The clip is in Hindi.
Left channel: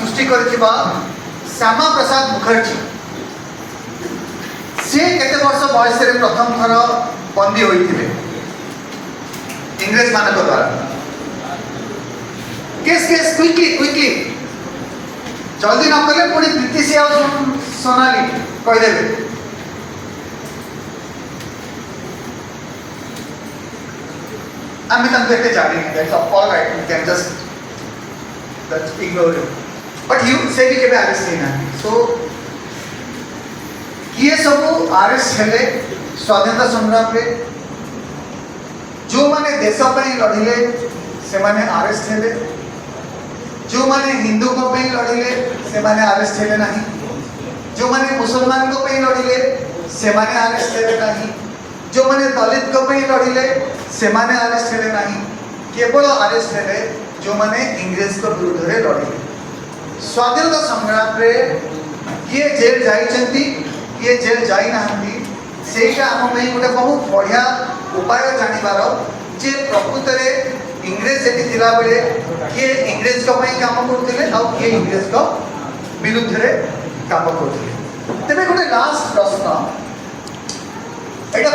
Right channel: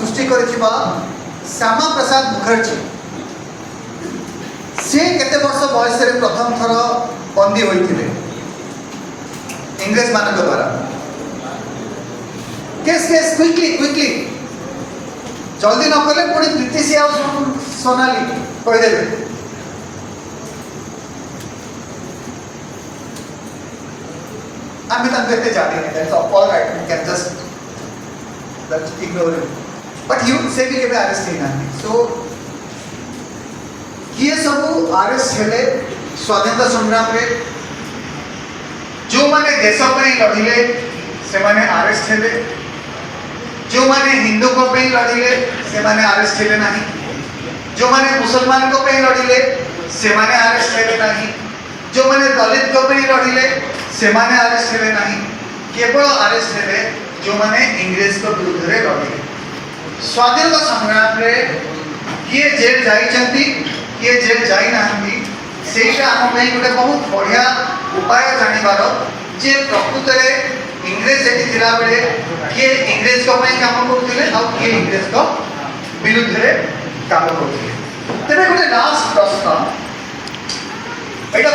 सृष्टि करिथिबा श्यामा प्रसाद मुखर्जी से केते वर्ष बयस रे प्रथम थर बंदी होइथिले इंग्रेज मानक द्वारा। केस केस क्विकली जल्दी न करले पुणी ब्रिटिश आ सोनाली कह देबे। I'm with Anvete Jari, that's all right, you can just ignore it. But you say we can arrest him. So, ये सब आरएस हेले स्वाधीनता संग्राम रे जो माने देश ପାଇଁ ଲଢିଲେ ସେମାନେ ଆରେଷ୍ଟ ହେଲେ, जो माने हिंदू को ପାଇଁ ଲଢିଲେ ସେମାନେ ଆରେଷ୍ଟ ହେଲେ ନାହିଁ, जो माने मुसलमान को ପାଇଁ ଲଢିଲେ ସେମାନେ ଆରେଷ୍ଟ ହେଲେ ନାହିଁ, जो माने दलित को ପାଇଁ ଲଢିଲେ ସେମାନେ ଆରେଷ୍ଟ ହେଲେ ନାହିଁ, केवल ଆରେଷ୍ଟ ହେଲେ जो माने इंग्रेज को विरुद्ध रे लढिले। स्वाधीनता संग्राम रे किए जेल जाइचंती किए जेल जाई नाहंती सेटा हम में गोटे बहुत बढ़िया उपाय जानिबार जे प्रकृत रे इंग्रेज जेटी थिला बेले किए इंग्रेज को ପାଇଁ काम करथिले आ किए इंग्रेज को विरुद्ध रे काम करथिले। तबे गोटे लास्ट प्रश्न एटा